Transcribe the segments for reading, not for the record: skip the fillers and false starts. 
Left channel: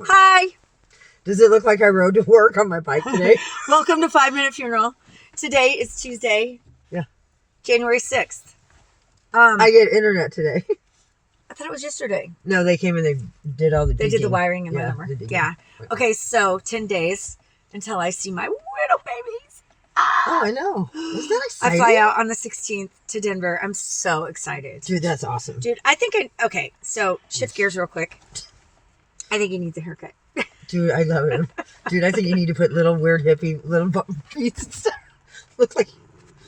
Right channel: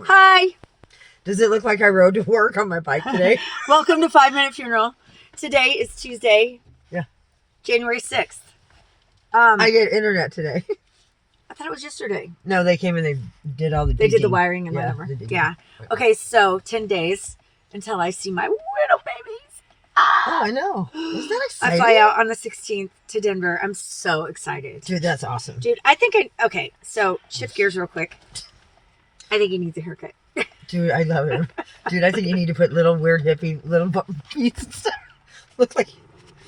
Hi. Does it look like I rode to work on my bike today? Welcome to 5 Minute Funeral. Today is Tuesday. Yeah. January 6th. I get internet today. I thought it was yesterday. No, they came and they did all the They did the digging. wiring and Yeah, whatever. the digging. Yeah. Okay, so 10 days until I see my little babies. Oh, I know. Isn't that I exciting? fly out on the 16th to Denver. I'm so excited. Dude, that's awesome. Dude, okay, so shift gears real quick. I think he needs a haircut. Dude, I love him. Dude, I think you need to put little weird hippie little beads and stuff. Looks like...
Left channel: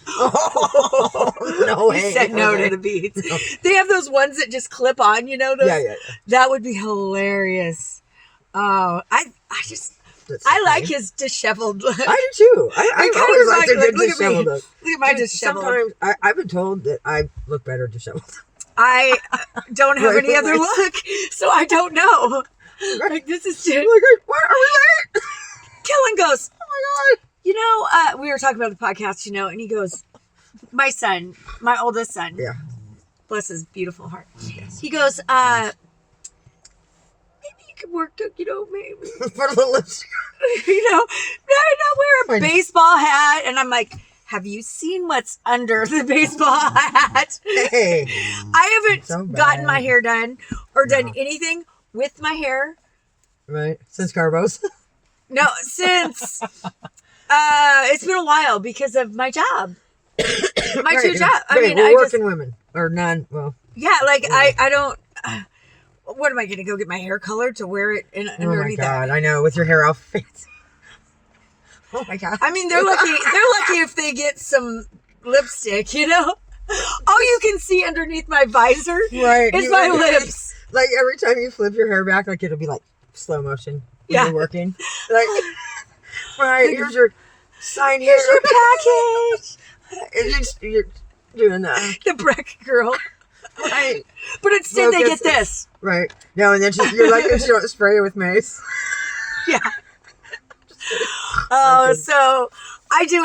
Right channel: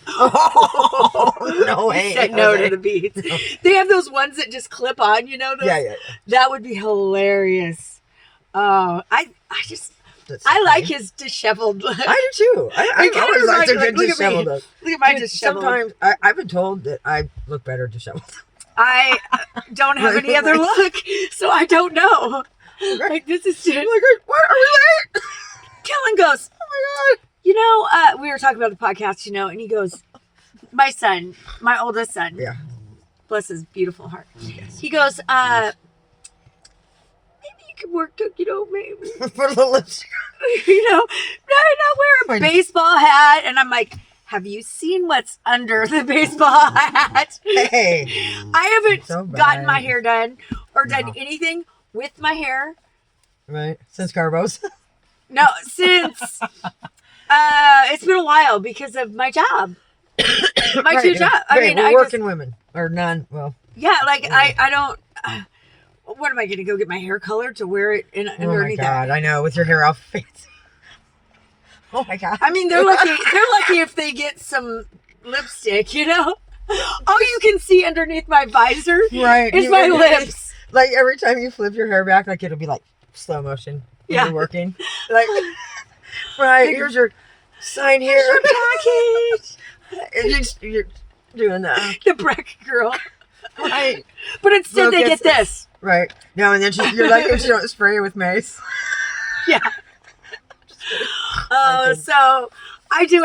Oh, no way. He said no to the beads. No. They have those ones that just clip on, you know? Those? Yeah. That would be hilarious. Oh, I like his disheveled look. I do too. I It kinda always like reminds the me, good look at me. disheveled look. Look at my Dude, disheveled. sometimes I've been told that I look better disheveled. I don't have any other look, so I don't know. Like, this is just... What are we late? Kellen goes, Oh my God. you know, we were talking about the podcast, you know, and he goes, my son, my oldest son, Yeah. bless his beautiful heart. He goes, maybe you could work, you know, maybe, Put a little lipstick. you know, not wear a baseball hat. And I'm like, have you seen what's under the baseball hat? Hey. I haven't So bad. gotten my hair done or done No. anything with my hair. Right. Since Carbos. No, since it's been a while because of my job. My two jobs. I mean, we're I working just, women. Or non, well. yeah, like I don't, what am I going to go get my hair colored to wear it in Oh my underneath that? God. I know. With your hair all fancy. Oh my God. I mean, they're lucky if they get some lipstick, you know? All you can see underneath my visor Right. is my lips. Like every time you flip your hair back, like it'll be like slow motion. when Yeah. You're working. Like, right. Here's your sign here. Here's your package. And you're doing that. The Breck girl. Right. But instead they Focus. get this. Right. No, and then you're like, you don't spray it with mace. Yeah. Oh, Okay. so I do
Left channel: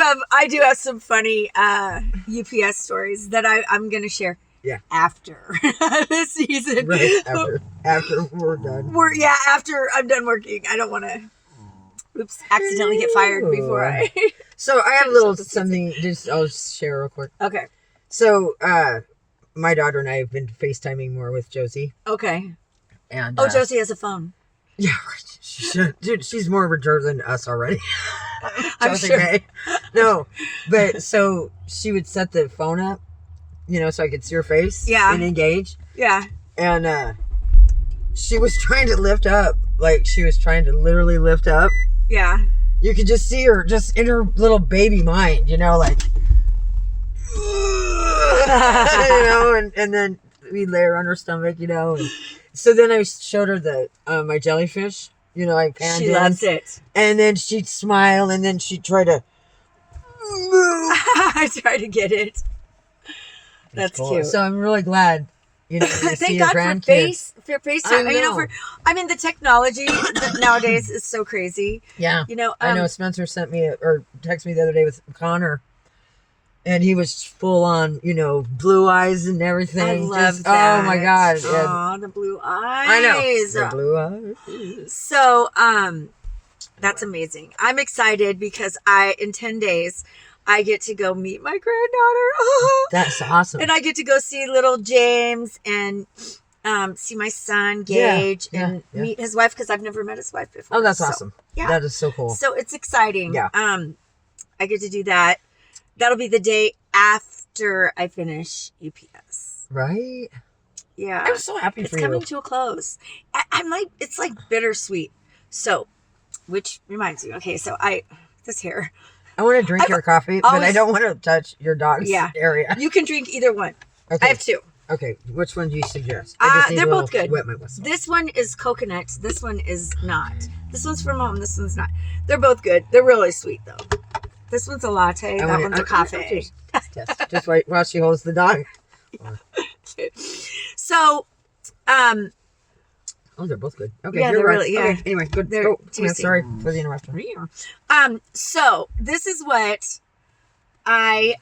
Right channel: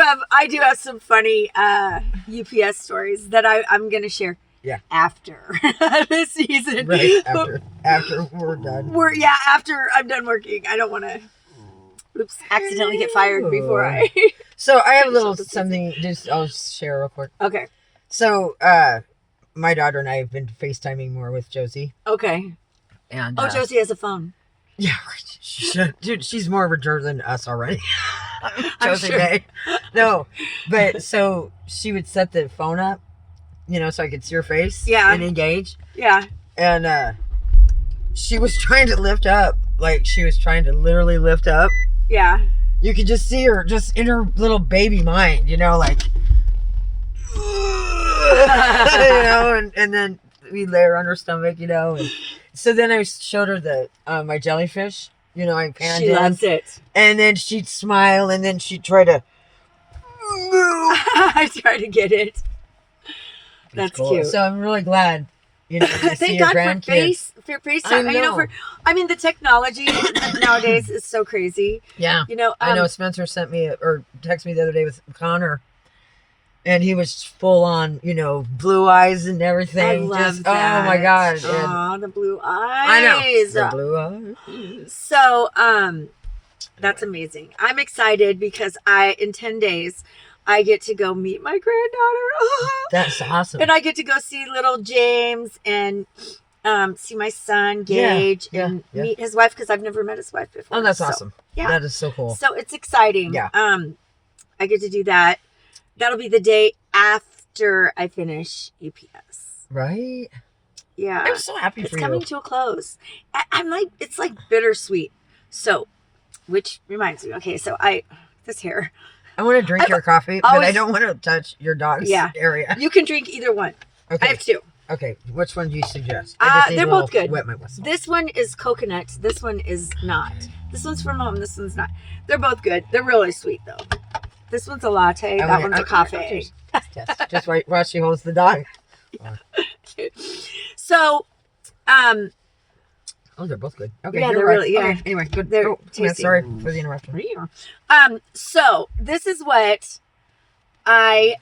have some funny UPS stories that I'm gonna share. Yeah. After this season. Right. After we're done. After I'm done working. I don't want to accidentally get fired before I. So I have a little Finish up the something. I'll share real quick. Okay. So my daughter and I have been FaceTiming more with Josie. Okay. And Oh, Josie has a phone. yeah, right. She should. Dude, she's more of a jerk than us already. I'm Josie sure. May. No, but so she would set the phone up, so I could see her face. Yeah. And engage. Yeah. And she was trying to lift up, like she was trying to literally lift up. Yeah. You could just see her, just in her little baby mind, like, and then we lay her on her stomach, and so then I showed her my jellyfish, I panned She in, loves it. and then she'd smile, and then she'd try to move. I try to get it. That's Cool. cute. So I'm really glad, to see Thank your God grandkids. for FaceTime. I know. The technology nowadays is so crazy. Yeah. I Um, know Spencer sent me or texted me the other day with Connor, and he was full on, blue eyes and everything. I love Just, that. Oh my God. And Aw, the blue eyes. I know. The blue eyes. So, that's amazing. I'm excited because in 10 days, I get to go meet my granddaughter. That's awesome. And I get to go see little James and see my son, Yeah, Gage, yeah, and yeah. meet his wife because I've never met his wife before. Oh, that's So, awesome. yeah. That is so cool. So it's exciting. Yeah. I get to do that. That'll be the day after I finish UPS. Right? Yeah. I'm so happy It's for coming you. to a close. I'm like, it's like bittersweet. So, which reminds me, okay, so this hair, I want to drink your coffee, but I always- don't want to touch your dog's area. you can drink either one. Okay. I have two. Okay. Which one do you suggest? I just need They're a both little good. Wet my whistle. This one is coconut. This one is not. This one's from home. This one's not. They're both good. They're really sweet though. This one's a latte. That one's a coffee. Just wait while she holds the dog. So, Oh, they're both good. Okay, Yeah, you're they're right. really- yeah. Okay, anyway, good. They're Oh, yeah, tasty. sorry for the interruption. So this is what I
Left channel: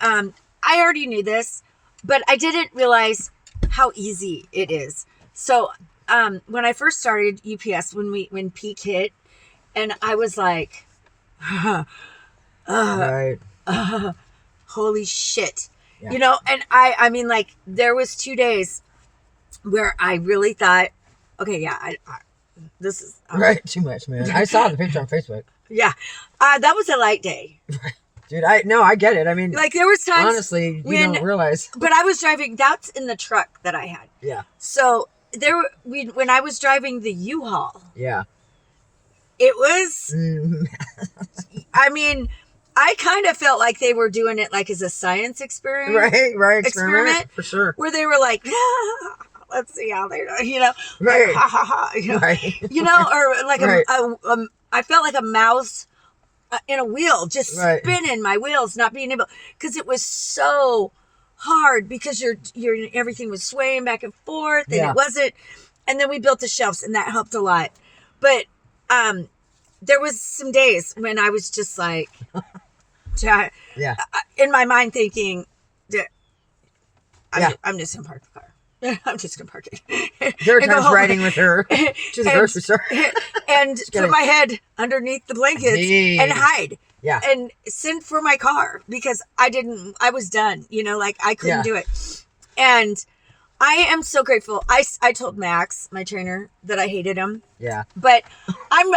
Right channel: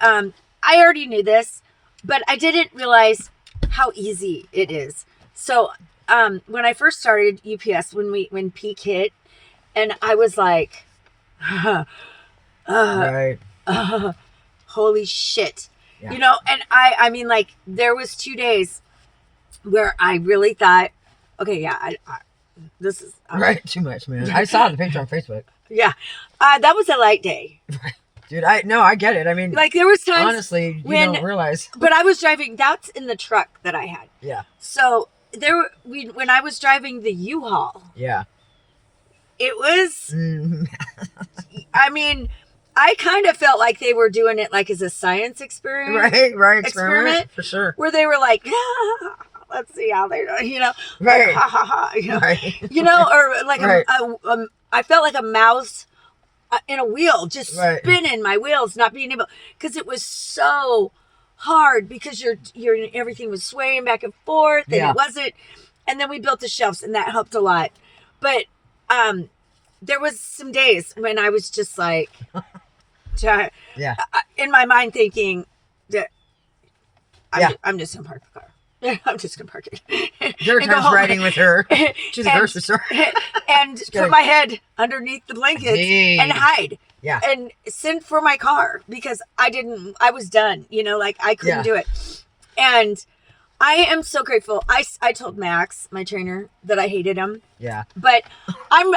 already knew this, but I didn't realize how easy it is. So when I first started UPS, when peak hit, and I was like, Right. holy shit. Yeah. You know, and I mean, like, there was 2 days where I really thought, okay, yeah, I this is Right. Too much, man. I saw the picture on Facebook. yeah, that was a light day. Dude, I get it. I mean, Like, there was times honestly, you when, don't realize. but I was driving. That's in the truck that I had. Yeah. So when I was driving the U-Haul, Yeah. it was. Mm. I mean, I kind of felt like they were doing it like as a science experiment, Right. Experiment? For sure. where they were like, let's see how they, you know, Right. like, ha ha ha, you know, Right. you know, or like Right. I felt like a mouse in a wheel, just Right. spinning my wheels, not being able, because it was so hard because your everything was swaying back and forth, and Yeah. it wasn't. And then we built the shelves, and that helped a lot. But there was some days when I was just like, Yeah. in my mind thinking that Yeah. I'm just gonna park the car. I'm just gonna park it. There were and go times home. riding with her to the And- grocery store. and kidding. put my head underneath the blankets Jeez. and hide. Yeah. And send for my car because I was done, you know, like I couldn't Yeah. do it. And I am so grateful. I told Max, my trainer, that I hated him, Yeah. but I go,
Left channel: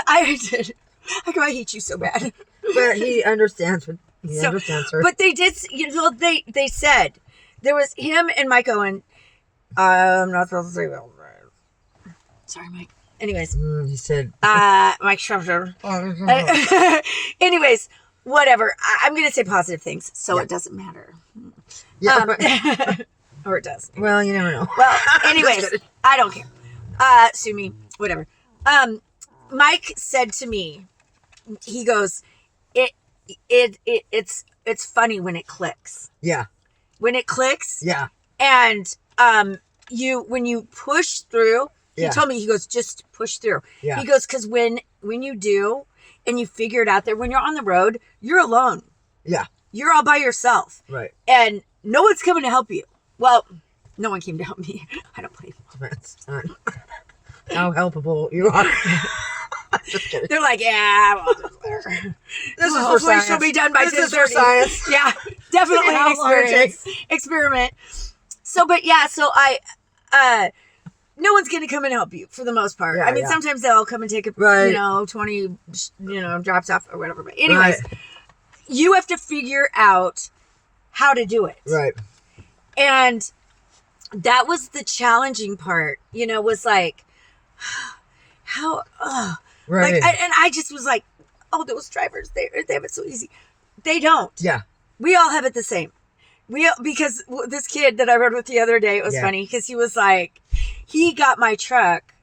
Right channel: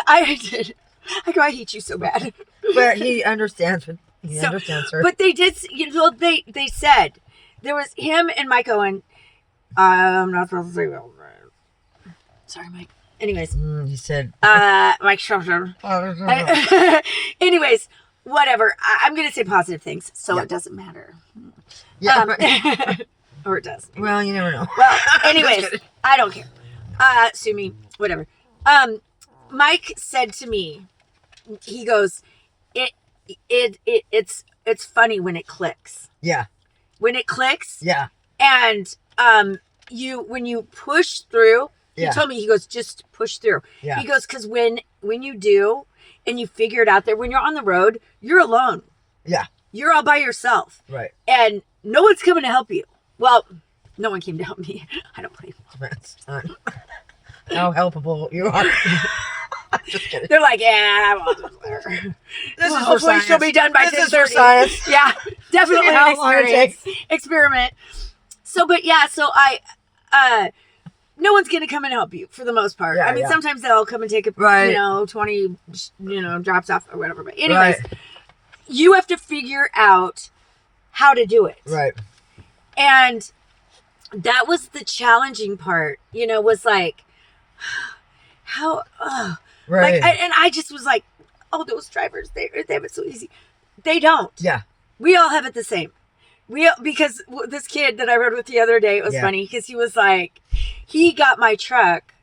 I hate you so bad. But he understands. He So- understands her. But they did, you know, they said there was him and Mike Owen. I'm not supposed to say that. Sorry, Mike. Anyways, He said. Mike Schroeder. Anyways, whatever. I'm going to say positive things, so Yeah. it doesn't matter. Yeah. But- Or it does. well, you never know. Well, anyways, I don't care. Sue me, whatever. Mike said to me, he goes, it's funny when it clicks. Yeah. When it clicks, Yeah. and when you push through, he Yeah. told me, he goes, just push through. Yeah. He goes, because when you do and you figure it out there, when you're on the road, you're alone. Yeah. You're all by yourself, Right. and no one's coming to help you. Well, no one came to help me. I don't blame them. That's how helpable you are. Just kidding. They're like, yeah, well, This well, is for hopefully science. she'll be done by This is for 10:30. science. Yeah, definitely an How long it experiment. So, but yeah, so no one's going to come and help you for the most part. Yeah, I mean, yeah. sometimes they'll come and take a, Right. 20, drops off or whatever. But anyways, Right. you have to figure out how to do it. Right. And that was the challenging part, was like, how, Right. like, and I just was like, oh, those drivers, they have it so easy. They don't. Yeah. We all have it the same. Because this kid that I rode with the other day, it was Yeah. funny because he was like, he got my truck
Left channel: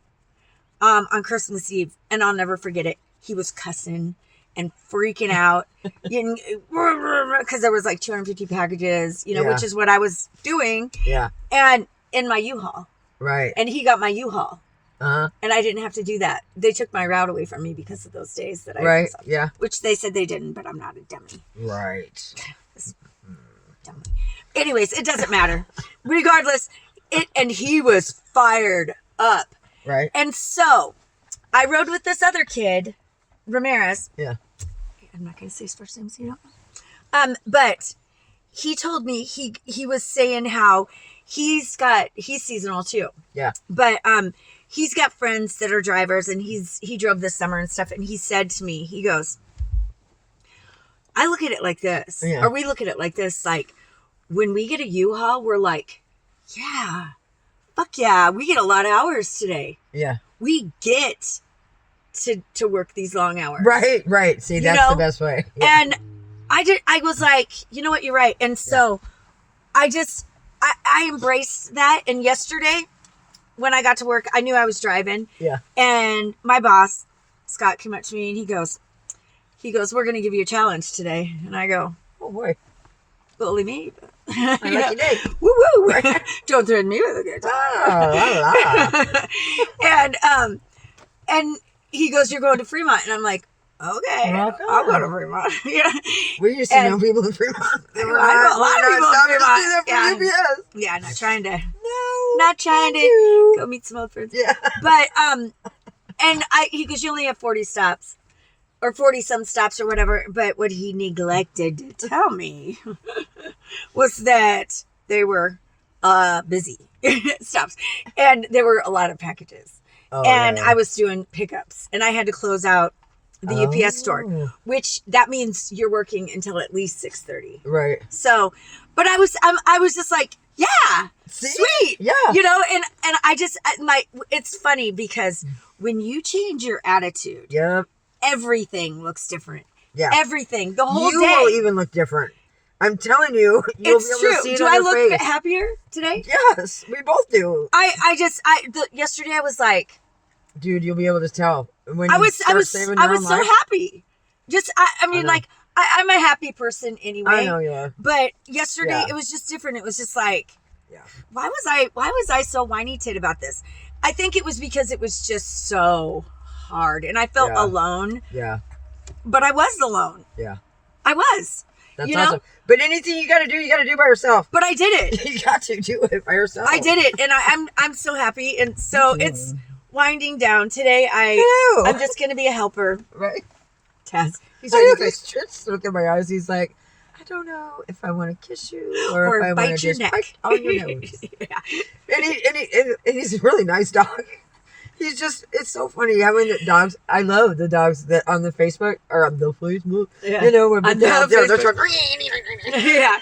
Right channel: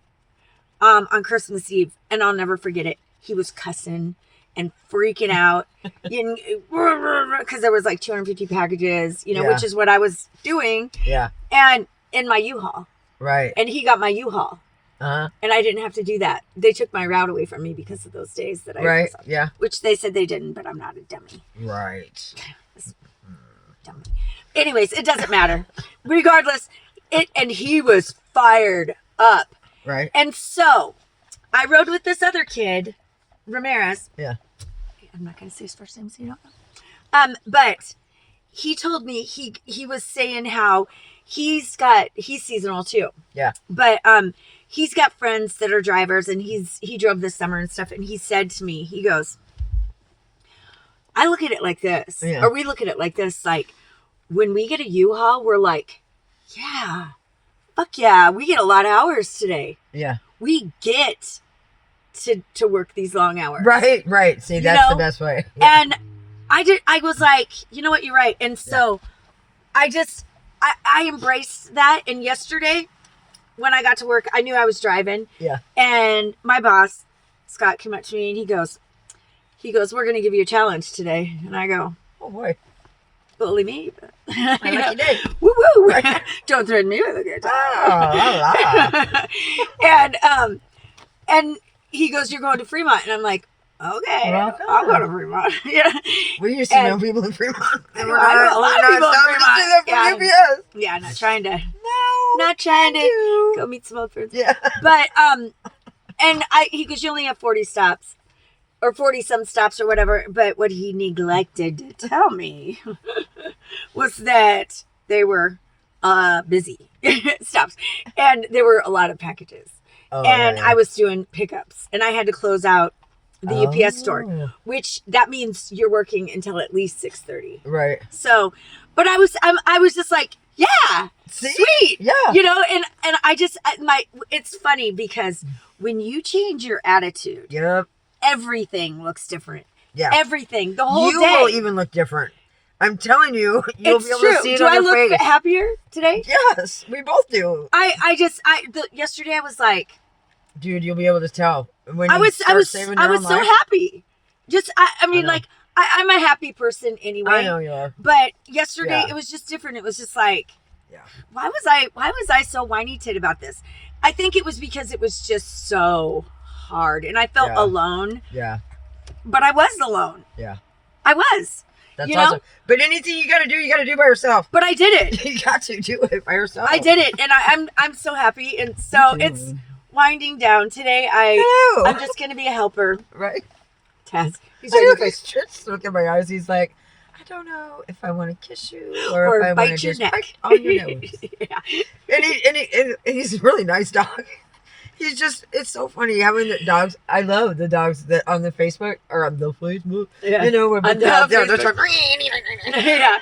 on Christmas Eve, and I'll never forget it. He was cussing and freaking out because there was like 250 packages, Yeah. which is what I was doing, Yeah. and in my U-Haul, Right. and he got my U-Haul, Uh-huh. and I didn't have to do that. They took my route away from me because of those days that I Right. was on, Yeah. which they said they didn't, but I'm not a dummy. Right. Dummy. Anyways, it doesn't matter. Regardless, and he was fired up. Right. And so I rode with this other kid, Ramirez. Yeah. I'm not going to say his first name so you don't know. But he told me he was saying how he's seasonal too. Yeah. But he's got friends that are drivers, and he drove this summer and stuff, and he said to me, he goes, I look at it like this, Yeah. or we look at it like this, like when we get a U-Haul, we're like, yeah, fuck yeah, we get a lot of hours today. Yeah. We get to work these long hours. Right. Right. See, that's know? the best way. Yeah. And I was like, you know what, you're right. And so I embraced that. And yesterday when I got to work, I knew I was driving. Yeah. And my boss, Scott, came up to me and he goes, we're going to give you a challenge today. And I go, Oh boy. bully me. I like you did. Woo woo. Don't threaten me with a good time. Oh, And he goes, you're going to Fremont. And I'm like, okay, Welcome. I'll go to Fremont. Yeah. We used to know people in Fremont. I know a lot of people in Fremont. Yeah. Yeah, not trying to. not trying to go meet some old friends. Yeah. But and he goes, you only have 40 stops. Or 40 some stops or whatever. But what he neglected to tell me was that they were busy stops. And there were a lot of packages. Oh, and yeah. I was doing pickups. And I had to close out the UPS store. Which that means you're working until at least 6:30. Right. So, but I was just like, yeah, See? sweet. Yeah. You know, and I just, it's funny because when you change your attitude. Yep. Everything looks different. Yeah. Everything. The whole you day. will even look different. I'm telling you, you'll be able to see it Do on I your look face. happier today? Yes, we both do. Yesterday I was like, dude, you'll be able to tell when I you was saving so your own life. happy. Just I mean, know. like I'm a happy person anyway. I know you are. But yesterday Yeah. it was just different. It was just like, Yeah. why was I so whiny tit about this? I think it was because it was just so hard, and I felt Yeah. alone. Yeah. But I was alone. Yeah. I was. That's You know? awesome. But anything you got to do by yourself. But I did it. You got to do it by yourself. I did it, and I'm so happy, and so Me too. it's winding down today. Ew. I'm just gonna be a helper. Right. Taz, he's I ready know to he's just look at my eyes. He's like, I don't know if I want to kiss you or if I want bite to your just neck bite on your nose. Yeah. And he's a really nice dog. He's just, it's so funny having the dogs. I love the dogs that on the Facebook or on the Facebook. Yeah. You know, when On they're out there, they're Facebook. trying, Yeah.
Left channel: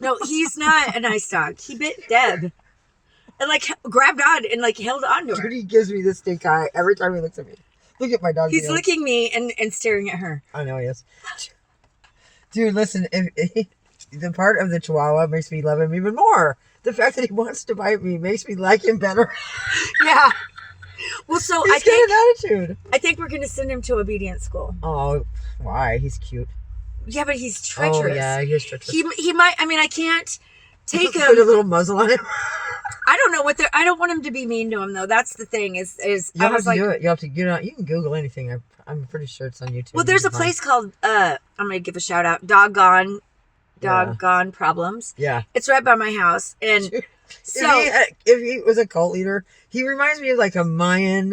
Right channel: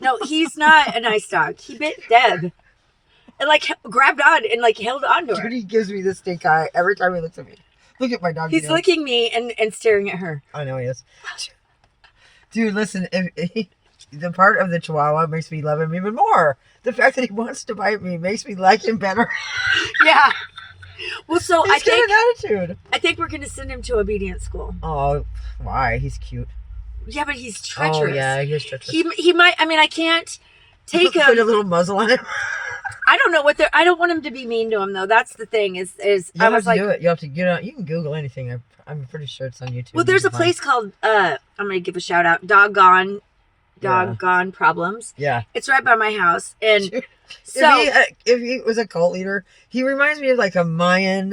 No, he's not a nice dog. He bit Deb, and like grabbed on and like held on to her. dude, he gives me this stink eye every time he looks at me. Look at my dog. He's again. licking me and staring at her. I know he is. Dude, listen, the part of the Chihuahua makes me love him even more. The fact that he wants to bite me makes me like him better. Yeah. Well, so He's got an attitude. I think we're gonna send him to obedience school. Oh, why? He's cute. Yeah, but he's treacherous. Oh, yeah, he is treacherous. He might. I mean, I can't take Put a him. little muzzle on him. I don't know what they're. I don't want him to be mean to him though. That's the thing. Is You I have was to like, do it. You have to get on. You can Google anything. I'm pretty sure it's on YouTube. well, there's You a can find- place called. I'm gonna give a shout out. Doggone Problems. Yeah. It's right by my house, and Dude, so if he was a cult leader, he reminds me of like a Mayan.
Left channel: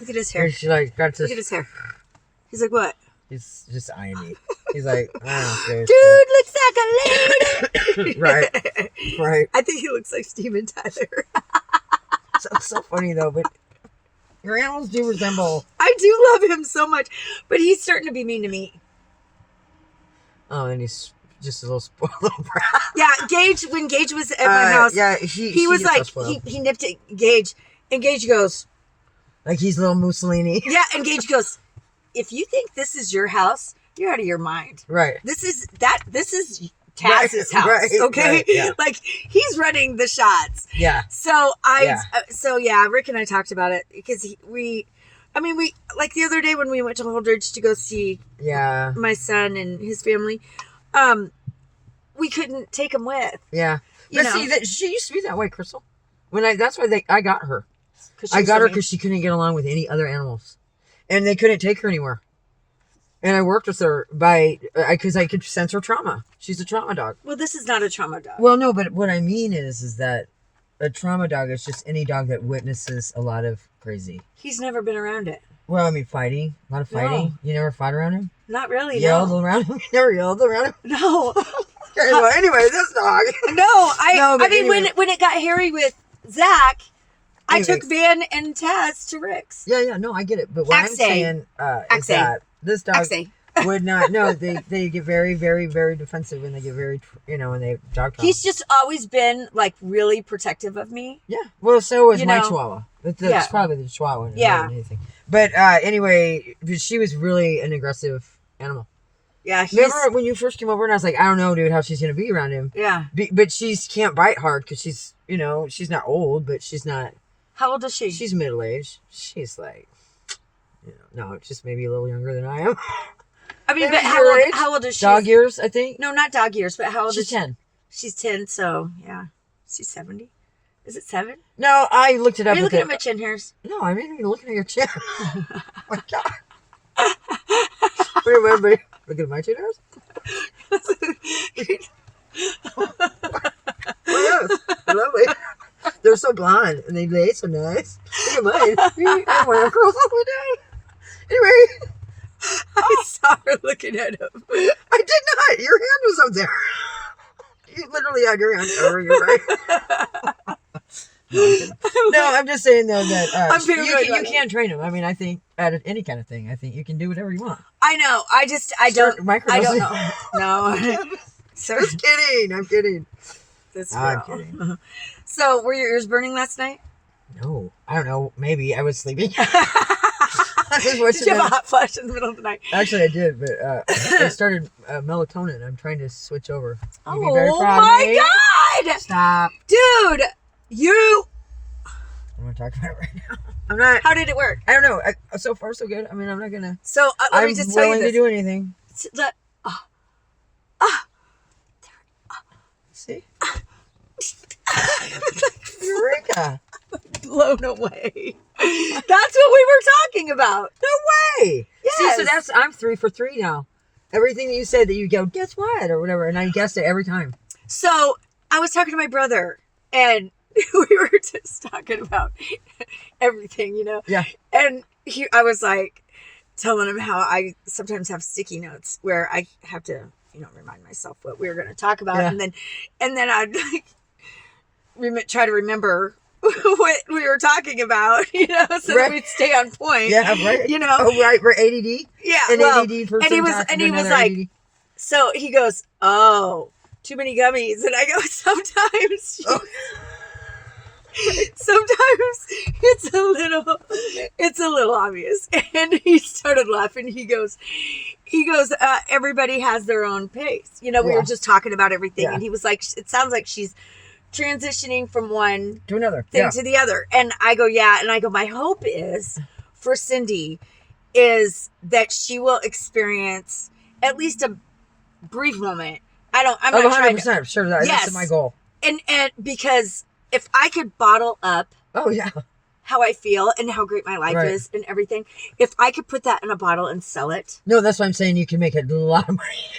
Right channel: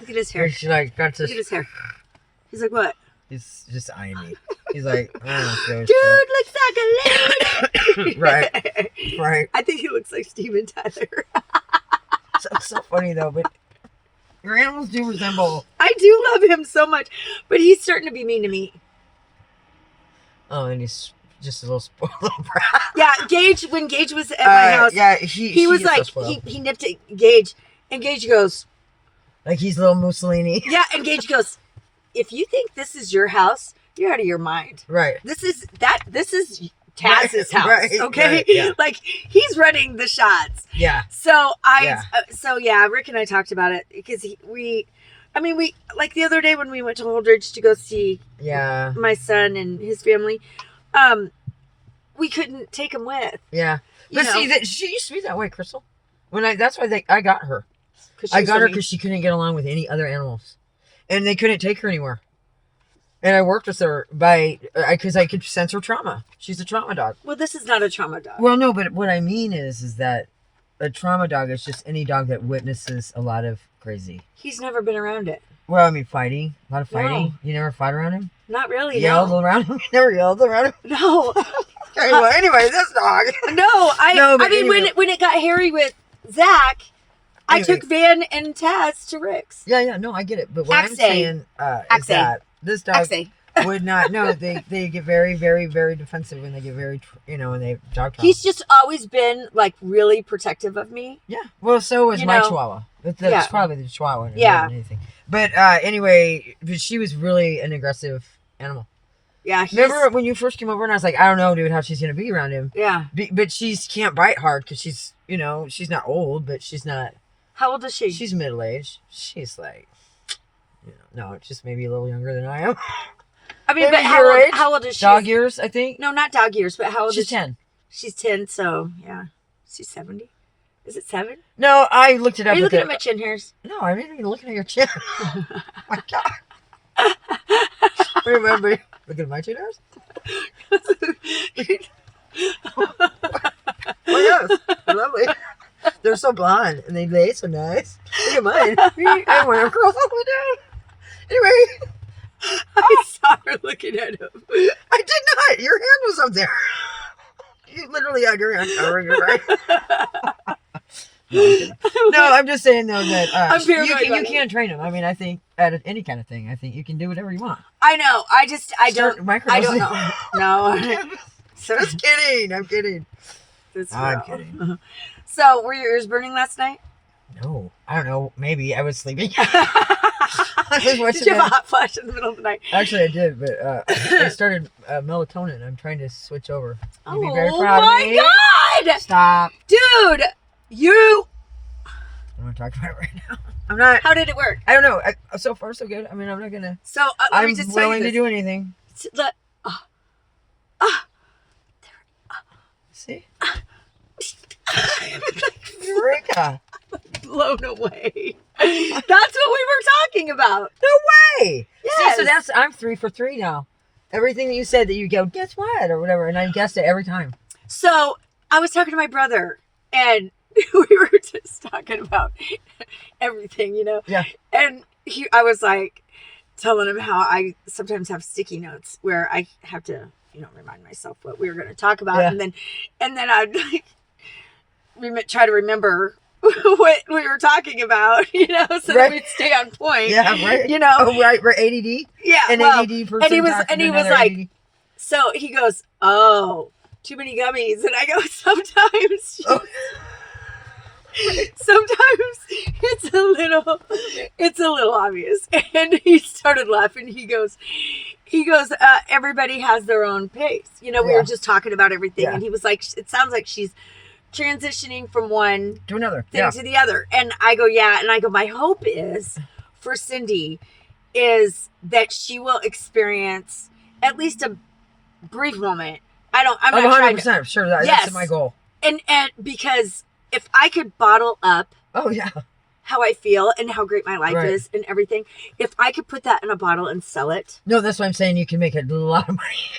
look at his hair. He's like got Look this. at his hair. He's like, what? He's just eyeing me. He's like, I don't know. Dude looks like a lady. Right. Right. I think he looks like Steven Tyler. It's so funny though, but your animals do resemble. I do love him so much, but he's starting to be mean to me. Oh, and he's just a little spoiled little brat. Yeah, Gage. When Gage was at my house, Yeah, he was gets so like, spoiled. he nipped at Gage, and Gage goes, Like he's little Mussolini. yeah, and Gage goes, if you think this is your house, you're out of your mind. Right. This is Taz's house, Right, okay? right, yeah. Like he's running the shots. Yeah. So Rick and I talked about it because we like the other day when we went to Holdridge to go see Yeah. my son and his family, we couldn't take him with. Yeah. You But know. see, that she used to be that way, Crystal. That's why I got her. 'Cause she I was got so her mean. because she couldn't get along with any other animals, and they couldn't take her anywhere. And I worked with her because I could sense her trauma. She's a trauma dog. Well, this is not a trauma dog. Well, no, but what I mean is that a trauma dog is just any dog that witnesses a lot of crazy. He's never been around it. Well, I mean, fighting. A lot of fighting. No. You never fought around him? Not really. Yelled No. around him? You never yelled around him? No. Okay, well, anyway, this dog. No. No, but I mean, anyway. when it got hairy with Zach, I Anyway. took Van and Taz to Rick's. Yeah, no, I get it. But what I'm Axe. saying is Axe. that this dog Actually, would not. No, they get very, very, very defensive, and they get very, when they dog trauma. he's just always been like really protective of me. Yeah. Well, so was You my know. Chihuahua. That's Yeah. probably the Chihuahua. More Yeah. than anything. But anyway, she was really an aggressive animal. Yeah. Remember when you first came over and I was like, I don't know, dude, how she's gonna be around him. Yeah. But she can't bite hard because she's, she's not old, but she's not. How old is she? She's middle aged. She's like, no, just maybe a little younger than I am. I mean, maybe but your age? how old is she? Dog years, I think. No, not dog years, but how old She's is she? 10. She's 10, so yeah. She's 70. Is it 7? No, I looked it up. Are you with looking it. at my chin hairs? No, I'm not even looking at your chin. Oh my God. Remember, looking at my chin hairs? Oh, yes. Lovely. They're so blonde and they lay so nice. Look at mine. I want to curls all the way down. Anyway, I saw her looking at him. I did not. Your hand was up there. You literally had your hand covering your right. No, I'm just saying though that you can't train them. I mean, I think at any kind of thing, I think you can do whatever you want. I know. I don't know. No. Just kidding. I'm kidding. I'm kidding. So, were your ears burning last night? No, I don't know. Maybe I was sleeping. Did you have a hot flash in the middle of the night? Actually, I did, but I started melatonin. I'm trying to switch over. You'd be very proud of me. God! Stop, dude. You. I'm gonna talk about it right now. I'm not. How did it work? I don't know. So far, so good. I mean, I'm not gonna. So let me just tell you this. I'm willing to do anything. See? Eureka! Blown away. That's what we were talking about. No way. Yes. See, so I'm 3 for 3 now. Everything that you said that you go, guess what? Or whatever. And I guessed it every time. So I was talking to my brother and we were just talking about everything, you know? Yeah. And I was like telling him how I sometimes have sticky notes where I have to, remind myself what we were going to talk about. Yeah. And then I'd like try to remember what we were talking about, so that we'd stay on point. Yeah, right. Oh, right. We're ADD. Yeah. ADD person. And he was like, ADD. So he goes, oh, too many gummies. And I go, sometimes it's a little obvious. And he started laughing. He goes, everybody has their own pace. We were just talking about everything. Yeah. And he was like, it sounds like she's transitioning from one to another thing to the other. And I go, yeah. And I go, my hope is for Cindy is that she will experience at least a brief moment. I'm not 100% trying to, sure that's my goal. And because if I could bottle up how I feel and how great my life is and everything, if I could put that in a bottle and sell it. No, that's what I'm saying. You can make a lot of money.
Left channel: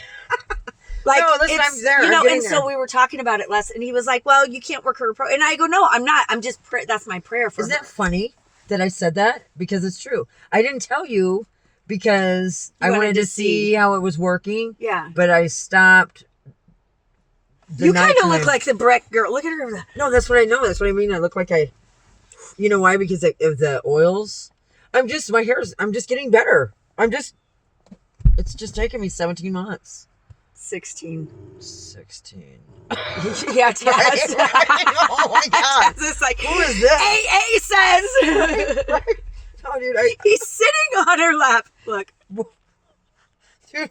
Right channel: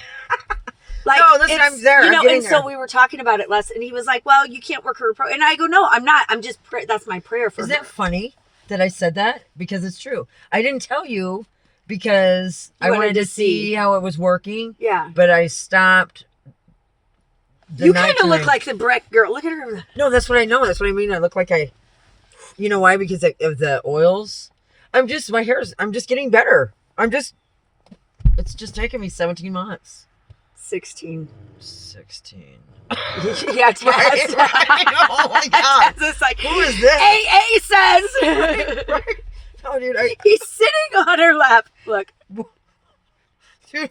Like, no, listen, I'm there. So we were talking about it less, and he was like, well, you can't work her pro. And I go, no, I'm not. I'm just, that's my prayer for her. Isn't it funny that I said that? Because it's true. I didn't tell you because I wanted to see how it was working. Yeah. But I stopped. You kind of look like the Breck girl. Look at her. No, that's what I know. That's what I mean. I look like you know why? Because of the oils. I'm just getting better. It's just taking me 17 months. 16. Yeah, Taz. Oh my God. Taz is like, who is this? AA says. Right. Oh, dude, he's sitting on her lap. Look. Dude.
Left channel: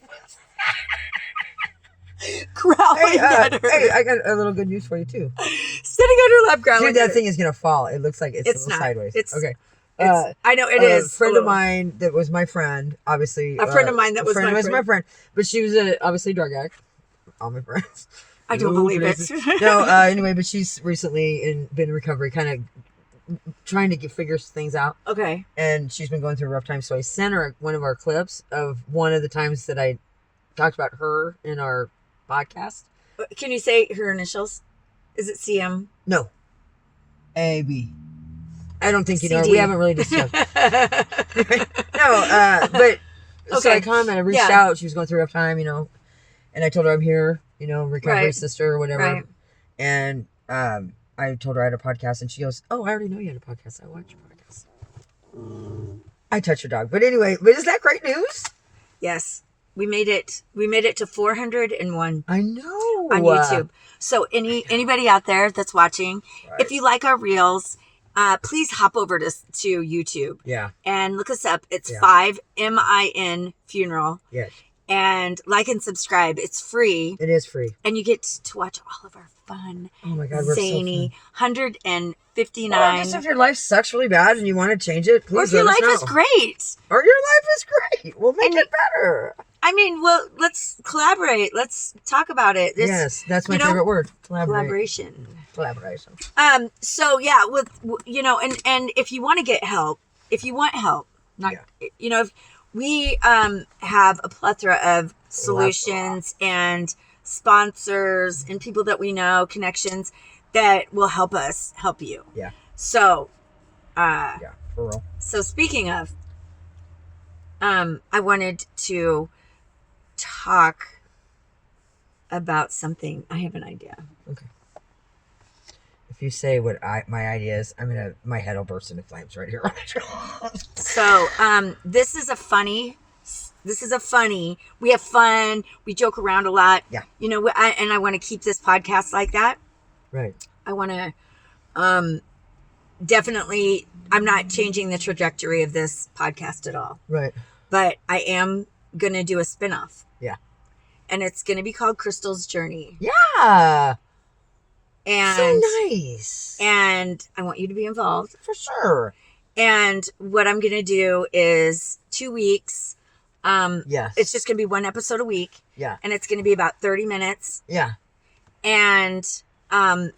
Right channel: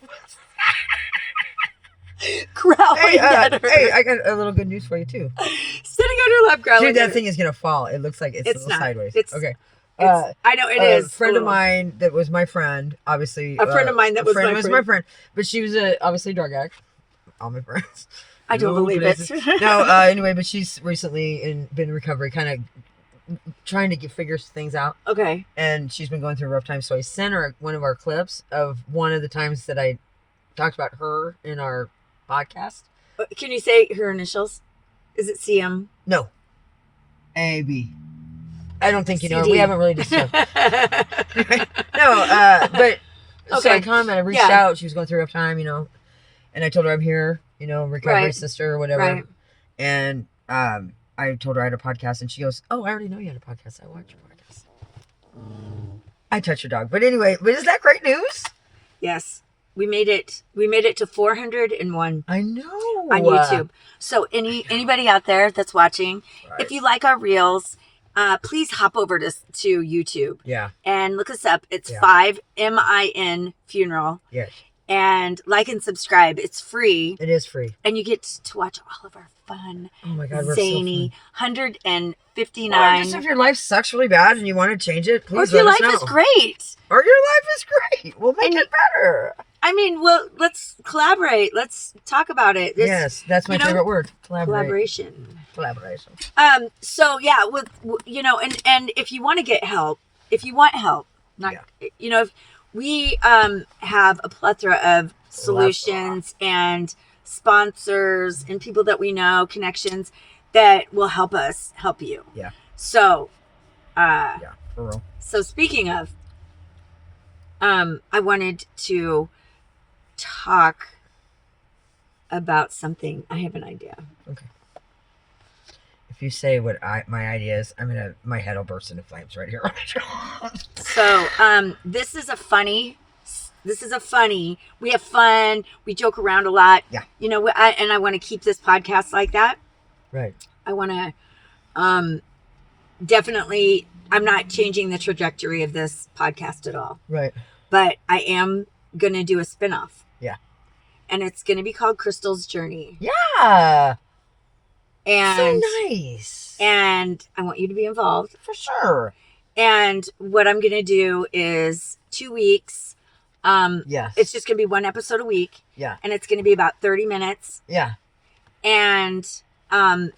Growling at her. Hey, I got a little good news for you too. Sitting on her lap, growling. Dude, that thing is gonna fall. It looks like it's a little not. sideways. Okay. I know it is. A friend of mine that was my friend, obviously. A friend of mine that was my friend. But she was obviously a drug addict. All my friends. I don't believe it. No, anyway, but she's recently been in recovery, kind of trying to figure things out. Okay. And she's been going through a rough time, so I sent her one of our clips of one of the times that I talked about her in our podcast. Can you say her initials? Is it CM? No. AB. I don't think you know. CD. We haven't really discussed. No, but so I commented, I reached out. She was going through a rough time, and I told her I'm here, recovery sister or whatever. Right. And I told her I had a podcast, and she goes, "Oh, I already know you had a podcast. I watch your podcast." I touched your dog, but anyway, is that great news? Yes. We made it to 401. I know. On YouTube. So anybody out there that's watching, if you like our reels, please hop over to YouTube. Yeah. And look us up. It's 5MIN Funeral. Yes. And like and subscribe. It's free. It is free. And you get to watch all of our fun, oh my God, zany, so 159. Just if your life sucks really bad and you want to change it, please or if your life is great. Or your life is great. We'll make it better. I mean, well, let's collaborate. Let's talk about it. Yes, that's my favorite word. Collaboration. So yeah, and if you want to get help, if you want help, if we have a plethora of solutions and sponsors and people that we know, connections that will help us help you. Yeah. So, Yeah, for real. so speaking of, I wanted to talk about something. I have an idea. Okay. If you say what my idea is, my head will burst into flames right here. So, this is a funny, we have fun. We joke around a lot. Yeah. You know, I want to keep this podcast like that. Right. I want to, definitely, I'm not changing the trajectory of this podcast at all. Right. But I am going to do a spinoff. Yeah. And it's going to be called Crystal's Journey. Yeah. And so nice. And I want you to be involved. For sure. And what I'm going to do is 2 weeks. Yes. It's just going to be 1 episode a week. Yeah. And it's going to be about 30 minutes. Yeah. And I'm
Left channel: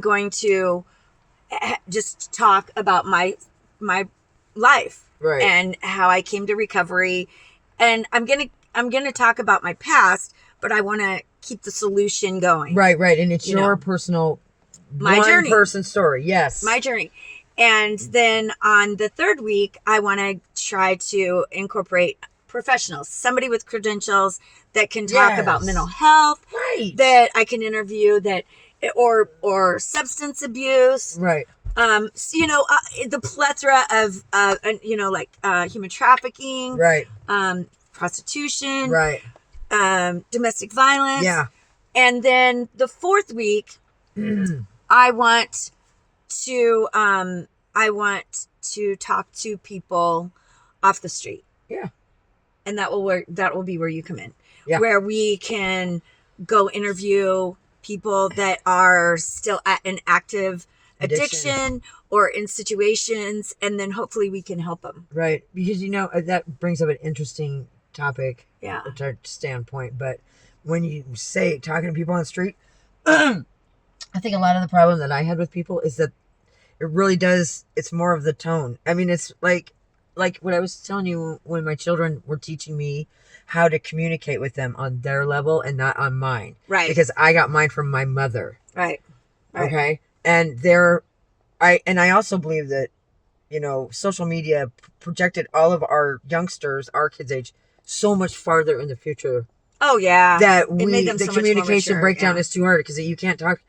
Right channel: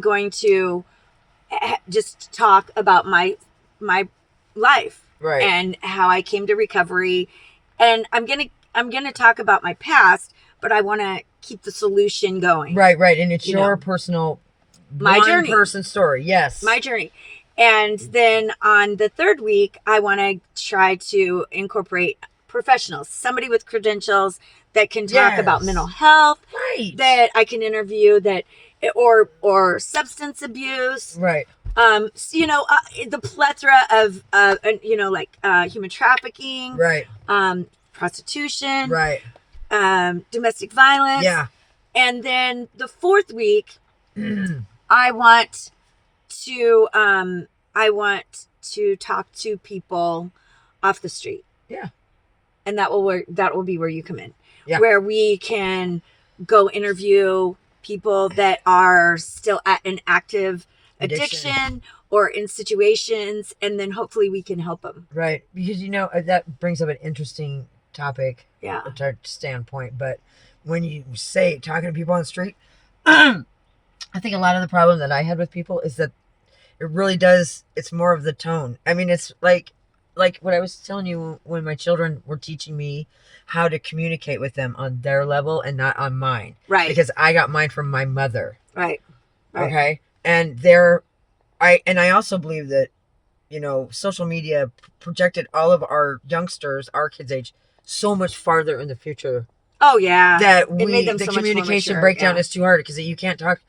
going to just talk about my life. Right. And how I came to recovery. And I'm going to talk about my past, but I want to keep the solution going. Right. And it's your personal, my journey, person story. Yes. My journey. And then on the 3rd week, I want to try to incorporate professionals, somebody with credentials that can talk about mental health, right? That I can interview, that or substance abuse, right? The plethora of human trafficking, right? Prostitution, right? Domestic violence, yeah. And then the 4th week, I want to talk to people off the street. Yeah. And that will be where you come in. Yeah. Where we can go interview people that are still at an active addiction or in situations, and then hopefully we can help them. Right. Because, that brings up an interesting topic. Yeah. To standpoint. But when you say talking to people on the street, I think a lot of the problem that I had with people is that it really does, it's more of the tone. I mean, it's like what I was telling you when my children were teaching me how to communicate with them on their level and not on mine. Right. Because I got mine from my mother. Right. Okay. And I also believe that, social media projected all of our youngsters, our kids' age, so much farther in the future. Oh yeah. That the communication breakdown is too hard because you can't talk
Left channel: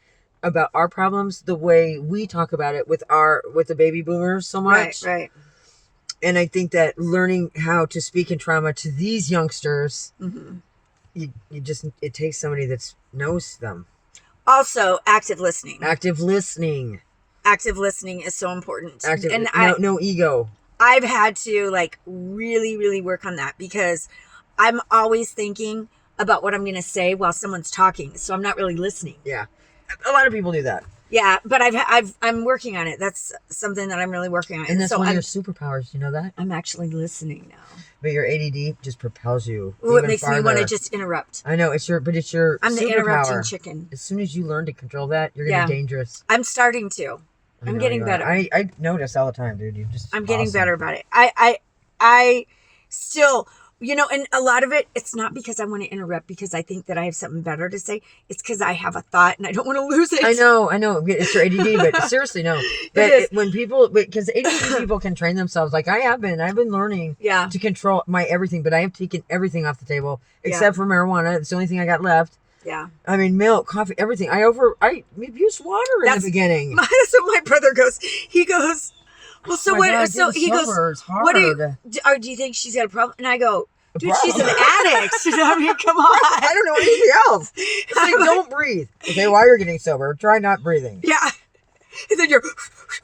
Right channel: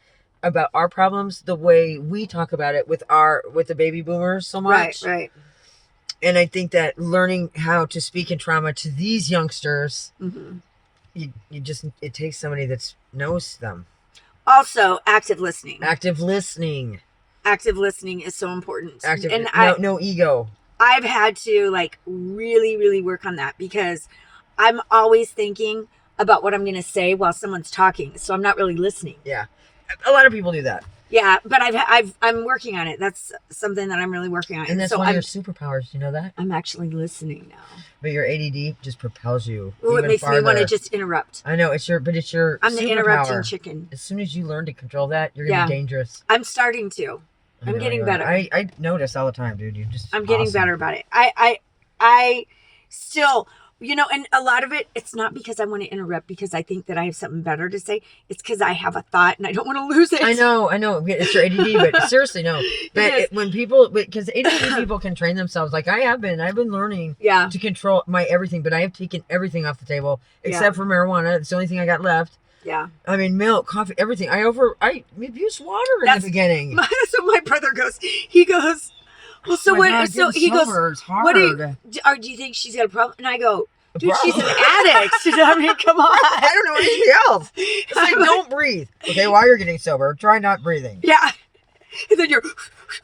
about our problems the way we talk about it with the baby boomers so much. Right. And I think that learning how to speak in trauma to these youngsters, it takes somebody that knows them. Also, active listening. Active listening is so important. No ego. I've had to really, really work on that because I'm always thinking about what I'm going to say while someone's talking. So I'm not really listening. Yeah. A lot of people do that. Yeah, but I'm working on it. That's something that I'm really working on. And that's one of your superpowers. You know that? I'm actually listening now. But your ADD just propels you. Ooh, it makes me want to just interrupt. I know I'm the interrupting chicken. As soon as you learn to control that, you're gonna be dangerous. I'm starting to. I'm getting better. I notice all the time, dude. I'm getting better about it. I still. And a lot of it's not because I want to interrupt because I think that I have something better to say. It's because I have a thought and I don't want to lose it. I know. It's your ADD, but seriously, no. But because ADD people can train themselves, like I've been learning to control my everything, but I have taken everything off the table except for marijuana. It's the only thing I got left. Yeah. I mean, milk, coffee, everything. I abused water in the beginning. That's what my brother goes. He goes, well, so what? God, so he goes, what do you think she's got a problem? And I go, dude, she's an addict. I mean, come on. I don't know anything else. It's like, don't breathe. Okay, while you're getting sober, try not breathing. Yeah. And then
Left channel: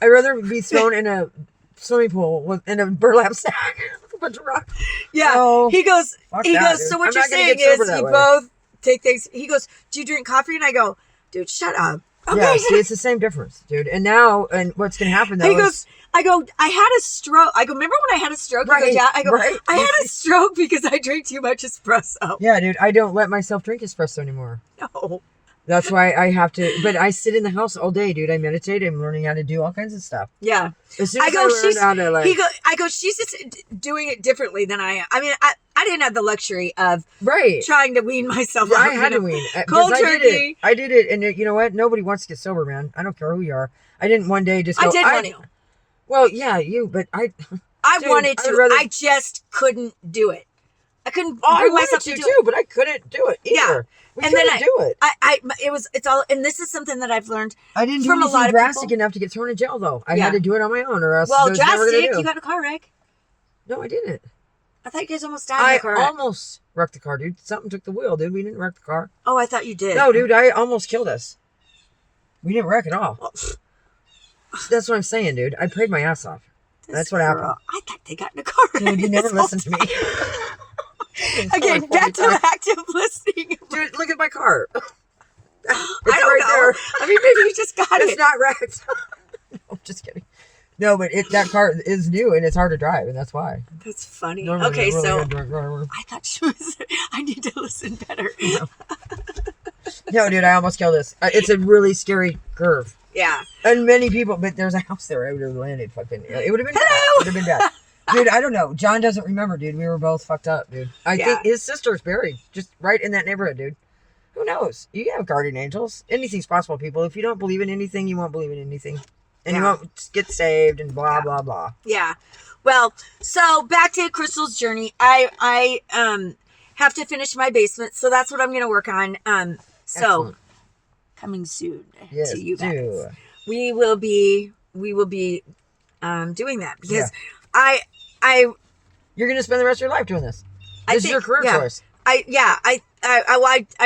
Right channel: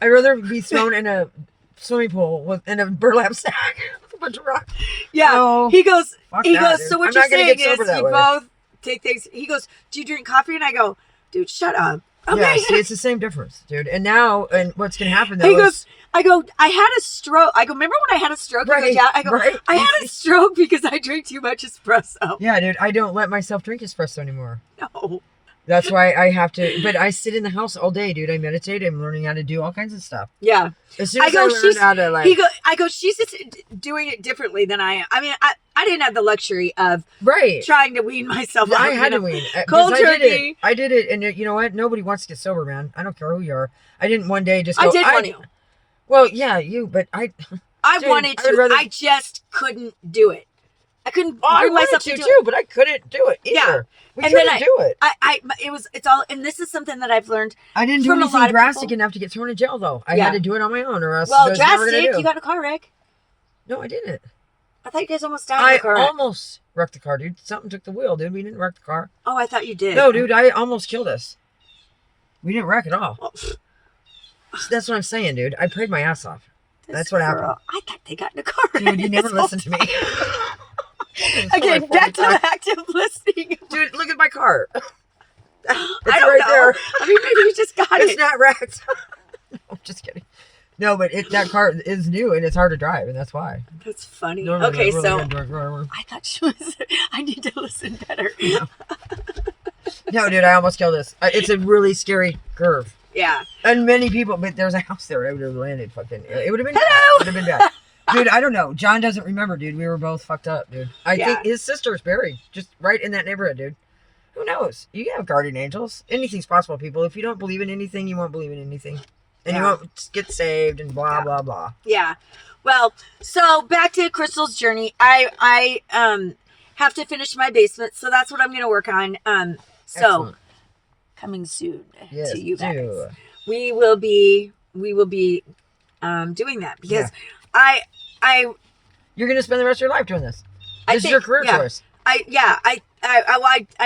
I'd rather be thrown in a swimming pool in a burlap sack with a bunch of rocks. Yeah. No, he goes, dude. So what you're saying is you both take things. He goes, do you drink coffee? And I go, dude, shut up. Okay. Yeah, see, it's the same difference, dude. And what's going to happen though I go, I had a stroke. I go, remember when I had a stroke? Right, I had a stroke because I drank too much espresso. Yeah, dude, I don't let myself drink espresso anymore. No. That's why I have to. But I sit in the house all day, dude. I meditate. I'm learning how to do all kinds of stuff. Yeah. As soon as I learned how to like, I go. She's just doing it differently than I am. I mean, I didn't have the luxury of right trying to wean myself out. I had to wean. Cold turkey. I did it, and you know what? Nobody wants to get sober, man. I don't care who you are. I didn't one day just go. I did want to. Well, yeah, you, but I. I wanted to. I just couldn't do it. I couldn't bring myself to do it. But I couldn't do it either. Yeah. We couldn't do it. It's all, and this is something that I've learned. I didn't do anything drastic enough to get thrown in jail, though. I had to do it on my own, or else. Well, drastic. You got in a car wreck. No, I didn't. I thought you guys almost died in a car wreck. I almost wrecked the car, dude. Something took the wheel, dude. We didn't wreck the car. Oh, I thought you did. No, dude. I almost killed us. We didn't wreck at all. Oh. That's what I'm saying, dude. I prayed my ass off. That's what happened. I thought they got in a car wreck. Dude, you never listened to me. Again, back to active listening. Dude, look at my car. It's I don't know. There. I mean, maybe you just got it. It's not wrecked. No, I'm just kidding. No, but that car is new and it's hard to drive, and that's why. That's funny. Okay, so I thought she was. I need to listen better. No, dude, I almost killed this. It's a really scary curve. Yeah. And many people, but there was a house there. I would have landed fucking. It would have been. Hello. It would have been bad. Dude, I don't know. John doesn't remember, dude. We were both fucked up, dude. I think his sister's buried just right in that neighborhood, dude. Who knows? You have guardian angels. Anything's possible, people. If you don't believe in anything, you won't believe in anything. And you won't get saved and blah, blah, blah. Yeah. Well, so back to Crystal's journey. I have to finish my basement, so that's what I'm going to work on. So Excellent. Coming soon yes, to you guys. We will be doing that because you're going to spend the rest of your life doing this. This is your career choice. I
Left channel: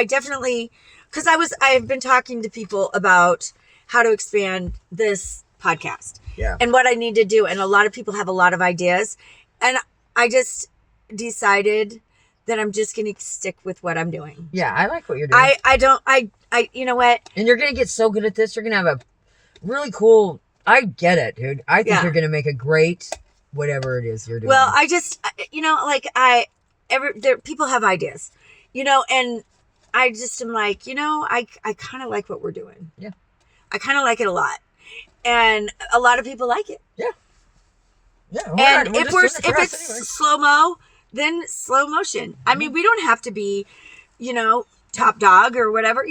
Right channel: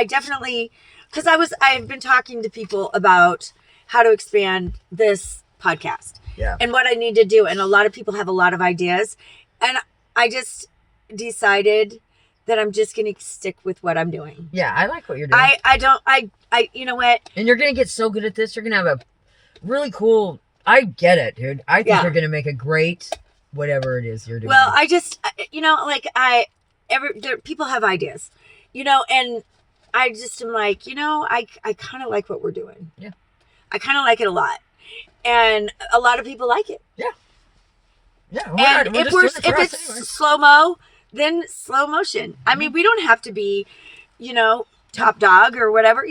definitely, because I've been talking to people about how to expand this podcast and what I need to do. And a lot of people have a lot of ideas. And I just decided that I'm just going to stick with what I'm doing. Yeah. I like what you're doing. You know what? And you're going to get so good at this. You're going to have a really cool, I get it, dude. I think you're going to make a great, whatever it is you're doing. Well, I just, people have ideas, and I just am like, I kind of like what we're doing. Yeah. I kind of like it a lot. And a lot of people like it. Yeah. Yeah. And if it's slow-mo, then slow motion. I mean, we don't have to be, top dog or whatever,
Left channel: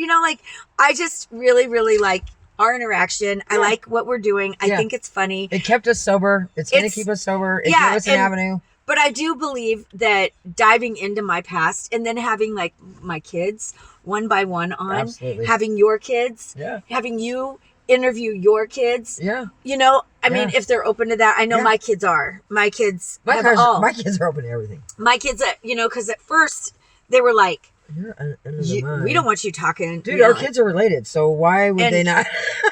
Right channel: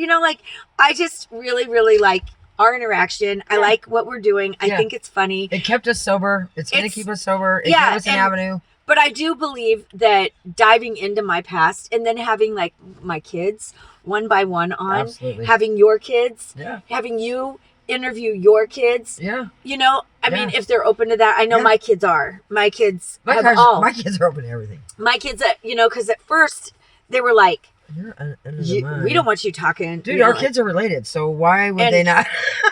I just really, really like our interaction. I like what we're doing. I think it's funny. It kept us sober. It's going to keep us sober. It gave us an avenue. But I do believe that diving into my past and then having like my kids one by one on, Absolutely. having your kids, having you interview your kids. Yeah. I mean, if they're open to that, I know my kids are. My kids my kids are open to everything. My kids, because at first they were like, we don't want you talking. Dude, our kids are related, so why would they not?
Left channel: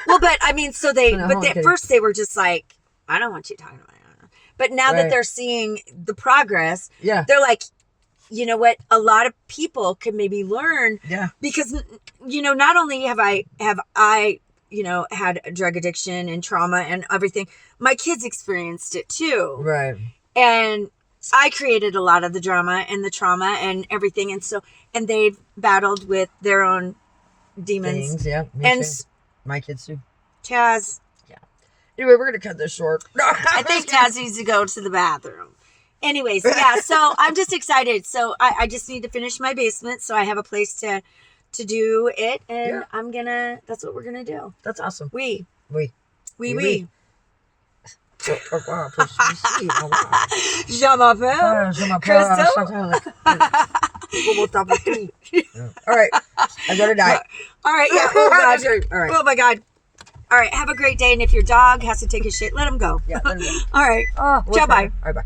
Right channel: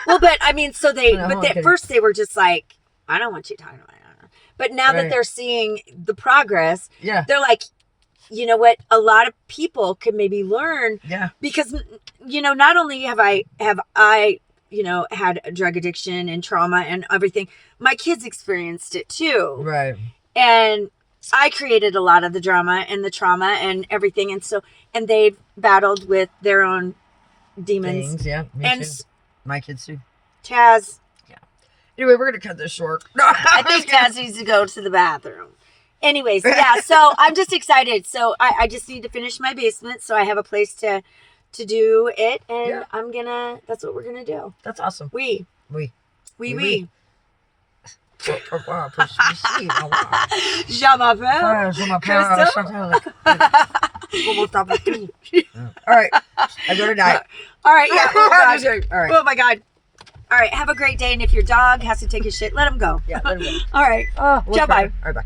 Well, but I mean, at first they were just like, I don't want you talking about that. But now that they're seeing the progress, they're like, you know what? A lot of people could maybe learn. Yeah. Because, not only have I had a drug addiction and trauma and everything, my kids experienced it too. Right. And I created a lot of the drama and the trauma and everything. And they've battled with their own demons. Things, yeah. And too. My kids too. Taz. Yeah. Anyway, we're going to cut this short. I think Taz needs to go to the bathroom. Anyways, so I'm just excited. So I just need to finish my basement so I have a place to do it. And that's what we're going to do. That's awesome. We. Je m'appelle. All right. I gotta die. All right. Yeah. Oh, God. All right. Oh, my God. All right. Have a great day. And if your dog has to take a shit, let him go. Yeah, let him go. All right. Ciao, bye. All right, bye.